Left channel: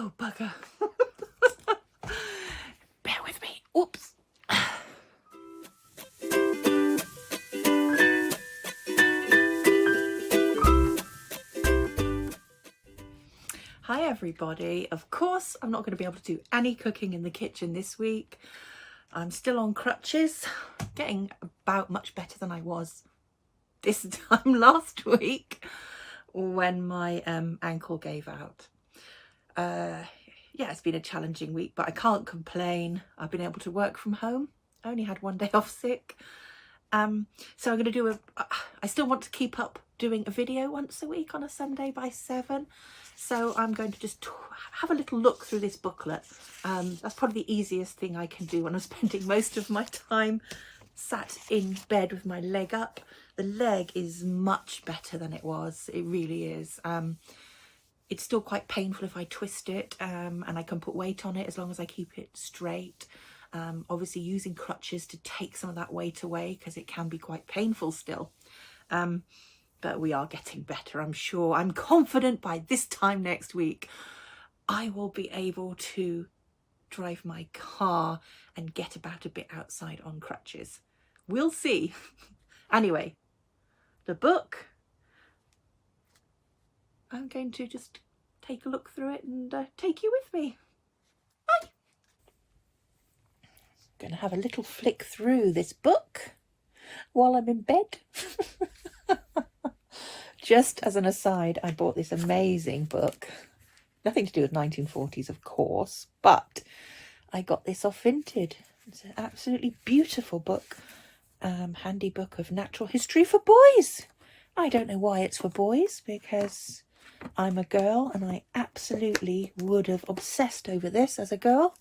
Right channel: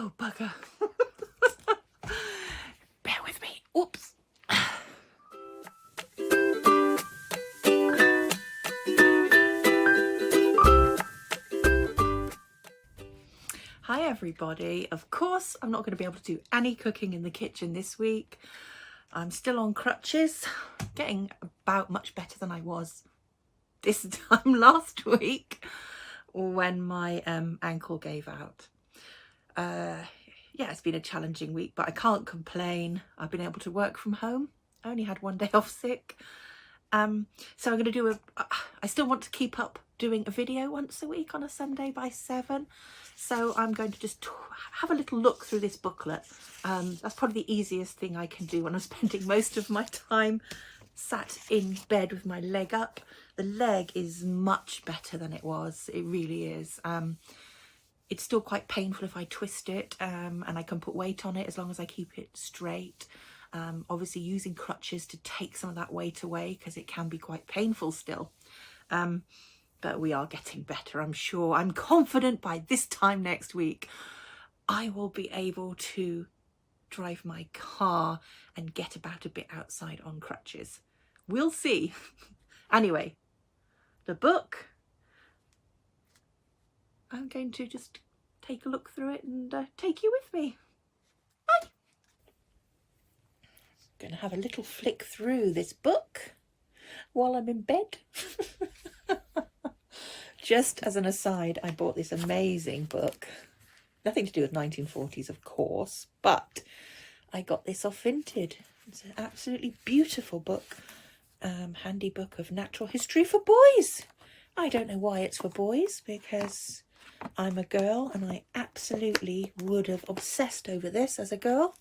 Oh, bugger. Bear with me. Oops. Hi everybody. Of course, I'm not going to be able to do any cooking in the kitchen this week. I'm still on crutches, getting about much better than I was this time last week when my ankle gave out. Yeah, it's been a challenging week, but I can't complain. I've been able to work from home. I only had one day off sick. So I'm going to do I still want to keep up doing a video once a week on a Sunday by 7. So I'm going to just have a little look through this booklet. That's probably the easiest thing I can do when I'm spending most of my time sat in bed with my leg up. The leg is much better than it was. It really is. It's still quite painful if I twist it, and I can put weight on it as long as I keep it straight. Obviously using crutches to take some of that weight away because it can be quite painful still. But we are getting better, I'm sure. I'm confident by this time next week I will be able to drive my car and get about a bit outside on crutches. We'll see. Anyway, the book, I'm going to just take a look through it and take you with me. Bye. Going to have a little flick through this book while I'm in bed. Just as an aside, I bought this amazing book. Nothing to do with 1940s, of course, but I got this off Vinted. It's an absolutely beautiful book. Handy book of natural history for boys. I don't know why it's for boys, because I'm a girl and I absolutely would have obsessed over this as a girl.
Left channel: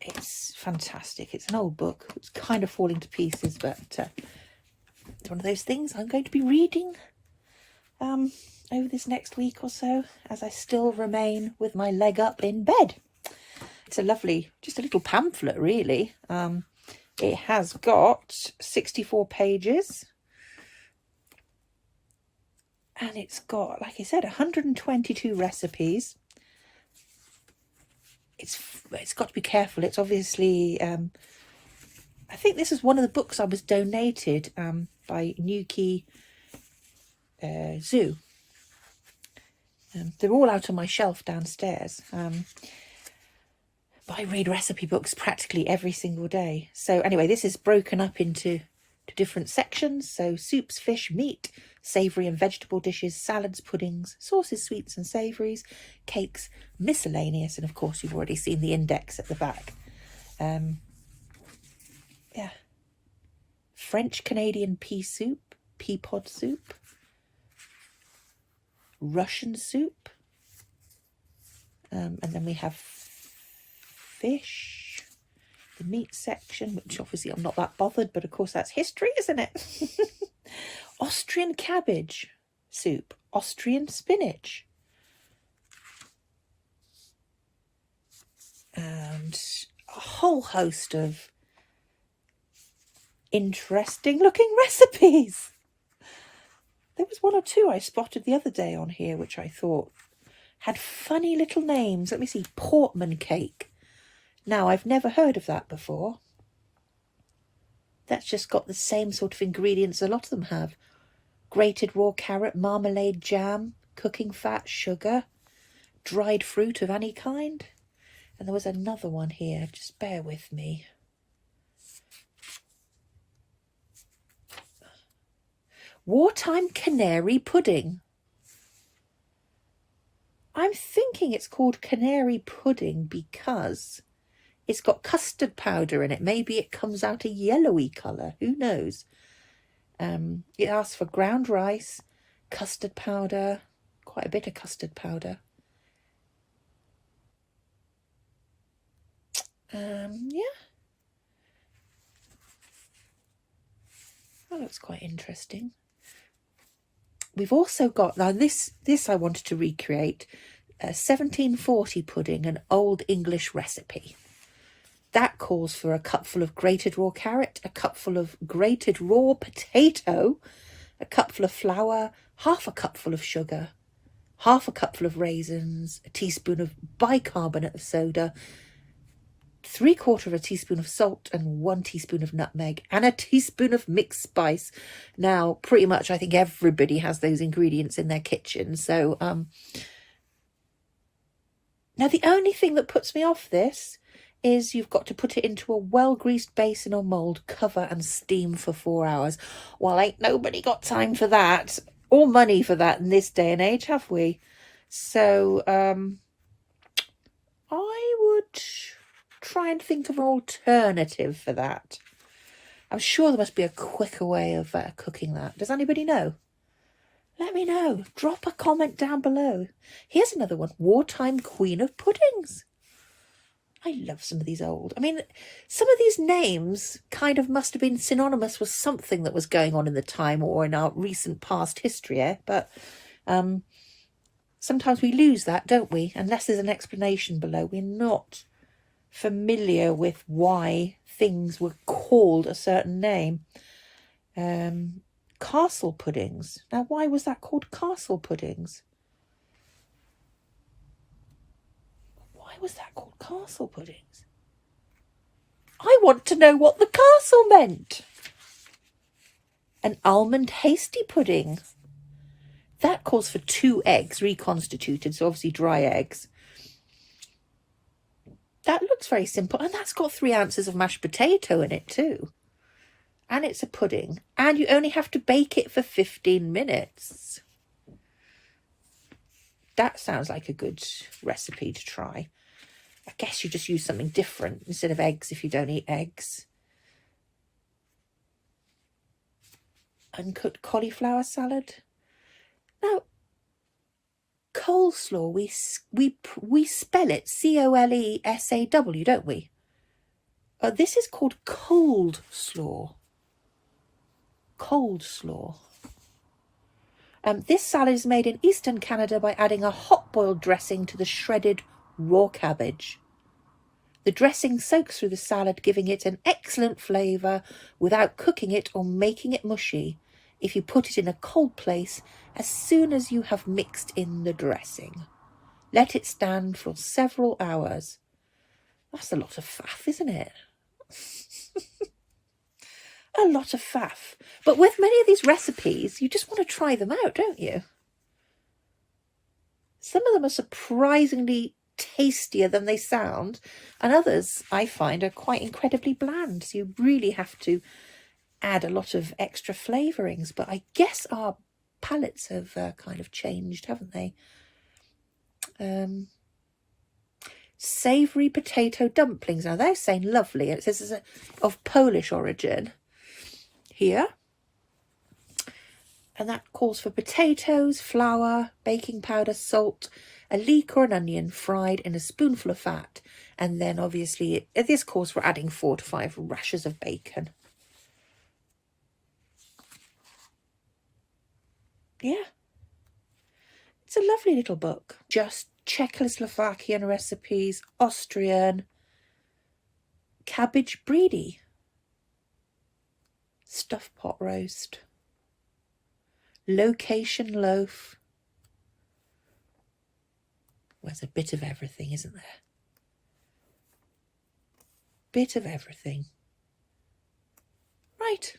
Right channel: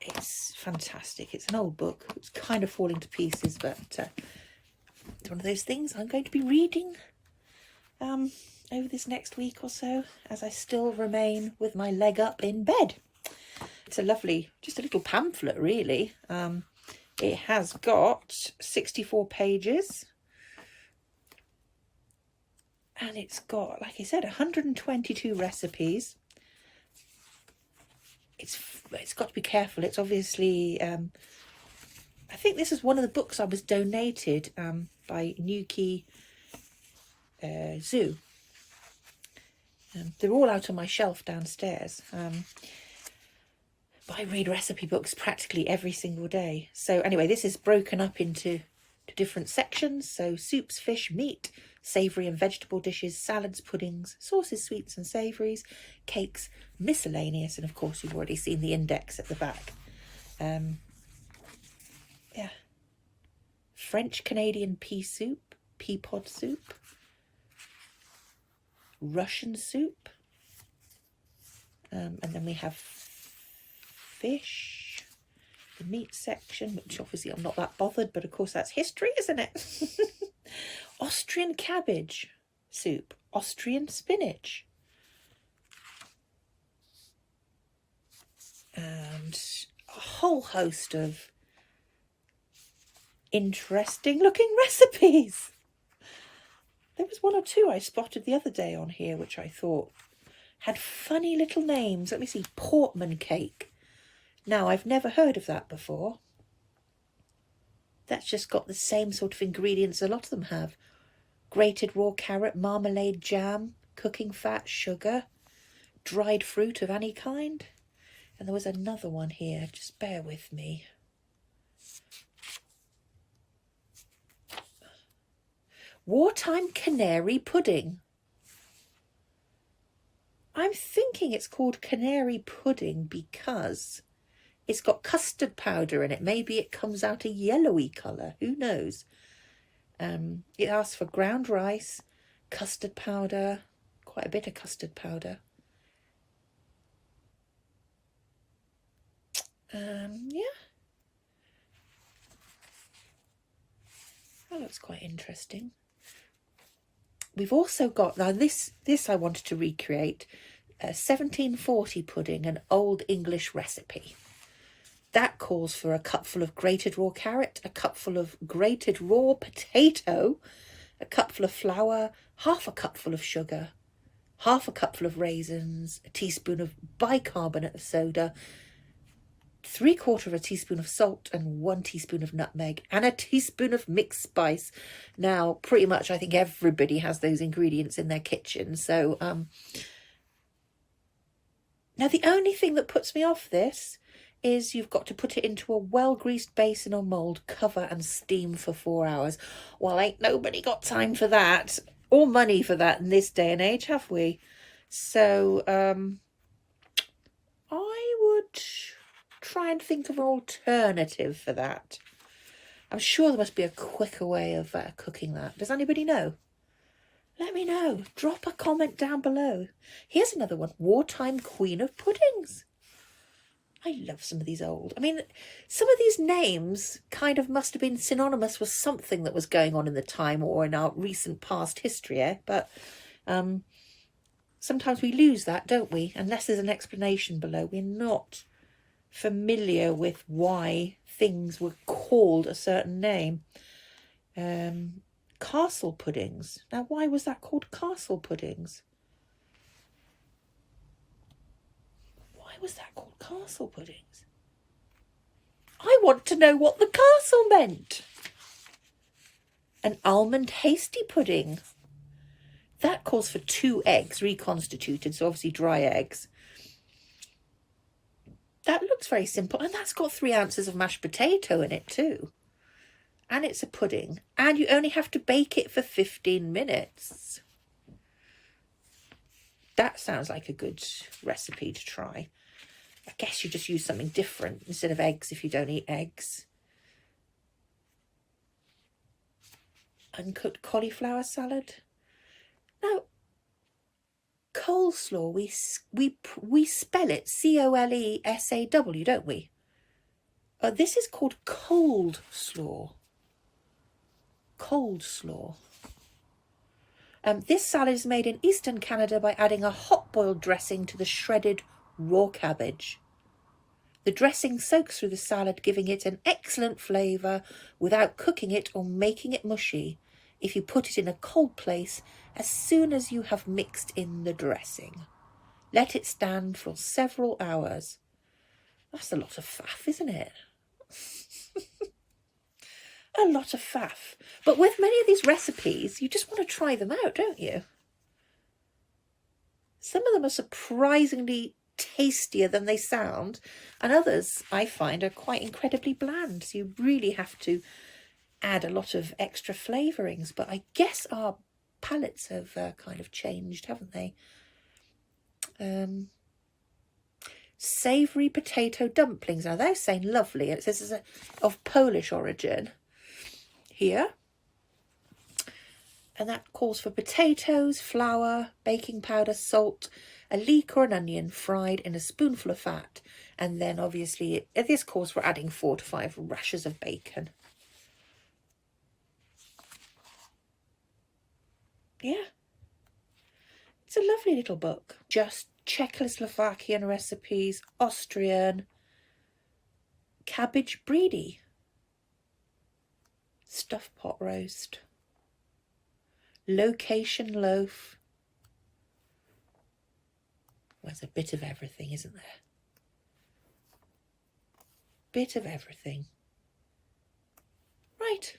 It's fantastic. It's an old book. It's kind of falling to pieces, but it's one of those things I'm going to be reading over this next week or so as I still remain with my leg up in bed. It's a lovely, just a little pamphlet really. It has got 64 pages and it's got, like I said, 122 recipes. It's got to be careful. It's obviously, I think this is one of the books I was donated by Newquay Zoo. They're all out on my shelf downstairs. But I read recipe books practically every single day. So anyway, this is broken up into different sections. So soups, fish, meat, savoury and vegetable dishes, salads, puddings, sauces, sweets and savouries, cakes, miscellaneous, and of course you've already seen the index at the back. Yeah, French Canadian pea soup, pea pod soup, Russian soup, and then we have fish, the meat section, which obviously I'm not that bothered, but of course that's history, isn't it? Austrian cabbage soup, Austrian spinach, and a whole host of interesting looking recipes. There was one or two I spotted the other day on here which I thought had funny little names. Let me see, Portman cake. Now, I've never heard of that before. That's just got the same sort of ingredients a lot of them have. Grated raw carrot, marmalade, jam, cooking fat, sugar, dried fruit of any kind. And there was another one here, just bear with me. Wartime canary pudding. I'm thinking it's called canary pudding because it's got custard powder in it. Maybe it comes out a yellowy colour. Who knows? It asks for ground rice, custard powder, quite a bit of custard powder. Yeah. That looks quite interesting. We've also got, now this I wanted to recreate, a 1740 pudding, an old English recipe. That calls for a cupful of grated raw carrot, a cupful of grated raw potato, a cupful of flour, half a cupful of sugar, half a cupful of raisins, a teaspoon of bicarbonate of soda, 3/4 teaspoon of salt and 1 teaspoon of nutmeg and a teaspoon of mixed spice. Now, pretty much I think everybody has those ingredients in their kitchen. So, now the only thing that puts me off this is you've got to put it into a well-greased basin or mould, cover and steam for 4 hours. Well, ain't nobody got time for that or money for that in this day and age, have we? So, I would try and think of an alternative for that. I'm sure there must be a quicker way of cooking that. Does anybody know? Let me know. Drop a comment down below. Here's another one. Wartime Queen of Puddings. I love some of these old. I mean, some of these names kind of must have been synonymous with something that was going on in the time or in our recent past history, eh? But sometimes we lose that, don't we? Unless there's an explanation below. We're not familiar with why things were called a certain name. Castle puddings. Now, why was that called castle puddings? Why was that called castle puddings? I want to know what the castle meant. An almond hasty pudding. That calls for 2 eggs reconstituted, so obviously dry eggs. That looks very simple, and that's got 3 ounces of mashed potato in it too. And it's a pudding, and you only have to bake it for 15 minutes. That sounds like a good recipe to try. I guess you just use something different instead of eggs if you don't eat eggs. Uncooked cauliflower salad. Now, coleslaw, we spell it C-O-L-E-S-A-W, don't we? This is called cold slaw. Cold slaw. This salad is made in Eastern Canada by adding a hot-boiled dressing to the shredded raw cabbage. The dressing soaks through the salad, giving it an excellent flavour without cooking it or making it mushy if you put it in a cold place as soon as you have mixed in the dressing. Let it stand for several hours. That's a lot of faff, isn't it? A lot of faff. But with many of these recipes, you just want to try them out, don't you? Some of them are surprisingly tastier than they sound, and others I find are quite incredibly bland. So you really have to add a lot of extra flavourings. But I guess our palates have kind of changed, haven't they? Savoury potato dumplings. Now they're saying lovely. It says it's of Polish origin here. And that calls for potatoes, flour, baking powder, salt, a leek or an onion fried in a spoonful of fat. And then obviously this calls for adding 4 to 5 rashers of bacon. Yeah. It's a lovely little book. Just Czechoslovakian recipes, Austrian, cabbage brie, stuffed pot roast, location loaf. There's a bit of everything, isn't there? Bit of everything. Right.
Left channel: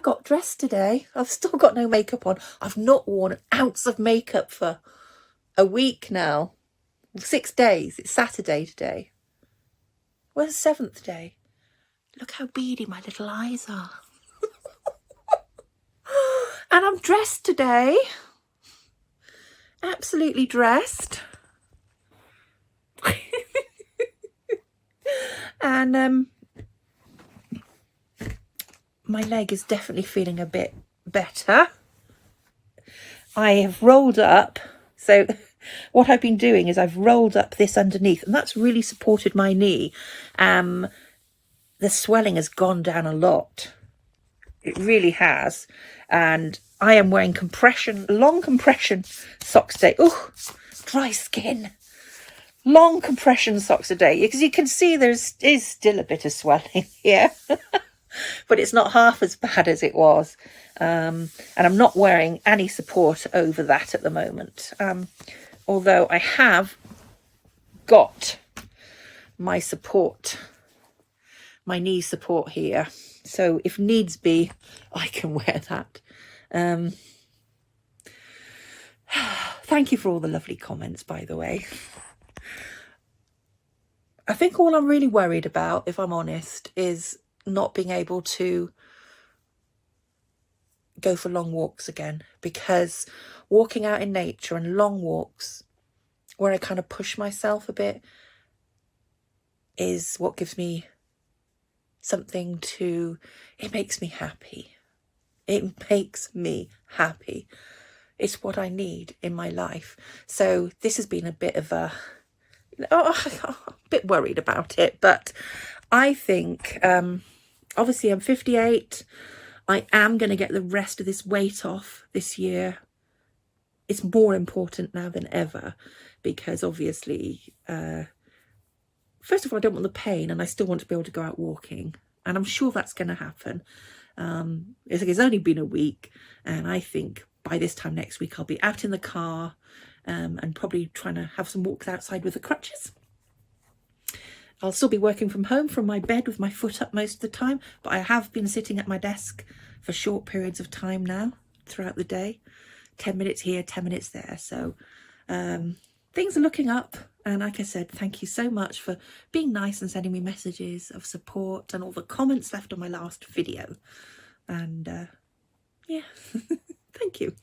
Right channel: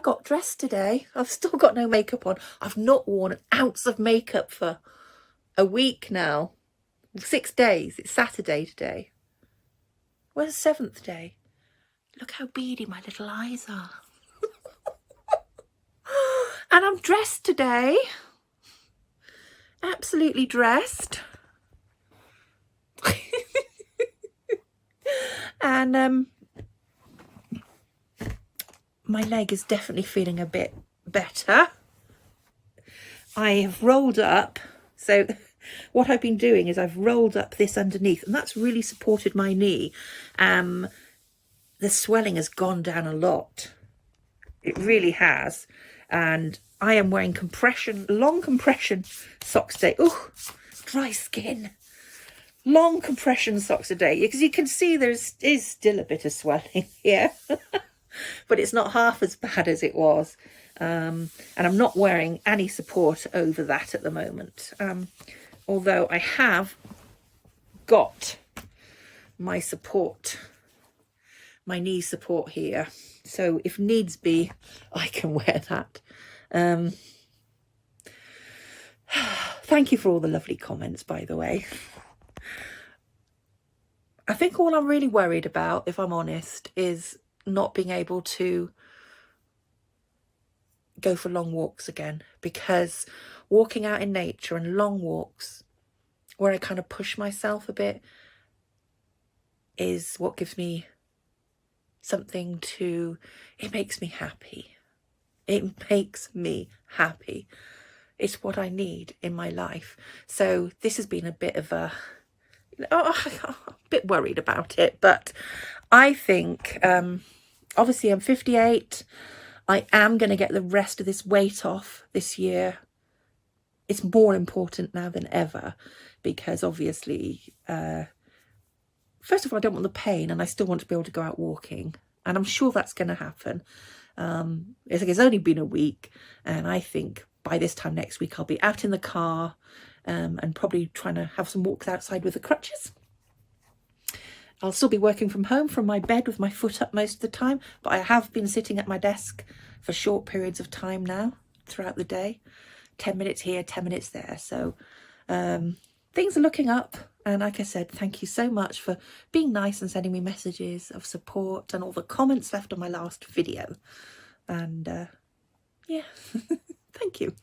Got dressed today. I've still got no makeup on. I've not worn an ounce of makeup for a week now. 6 days. It's Saturday today. Where's the 7th day? Look how beady my little eyes are. And I'm dressed today. Absolutely dressed. And my leg is definitely feeling a bit better. I have rolled up. So what I've been doing is I've rolled up this underneath, and that's really supported my knee. The swelling has gone down a lot. It really has. And I am wearing long compression socks today. Oh, dry skin. Long compression socks today, because you can see there is still a bit of swelling here. But it's not half as bad as it was. And I'm not wearing any support over that at the moment. Although I have got my support, my knee support here. So if needs be, I can wear that. Thank you for all the lovely comments, by the way. I think all I'm really worried about, if I'm honest, is not being able to go for long walks again, because walking out in nature and long walks where I kind of push myself a bit is what gives me something to, it makes me happy. It makes me happy. It's what I need in my life. So this has been a bit of a bit worried about it, but I think obviously I'm 58. I am going to get the rest of this weight off this year. It's more important now than ever, because obviously first of all, I don't want the pain, and I still want to be able to go out walking, and I'm sure that's going to happen. It's only been a week, and I think by this time next week I'll be out in the car and probably trying to have some walks outside with the crutches. I'll still be working from home from my bed with my foot up most of the time, but I have been sitting at my desk for short periods of time now throughout the day. 10 minutes here, 10 minutes there. So things are looking up. And like I said, thank you so much for being nice and sending me messages of support and all the comments left on my last video. And yeah, thank you.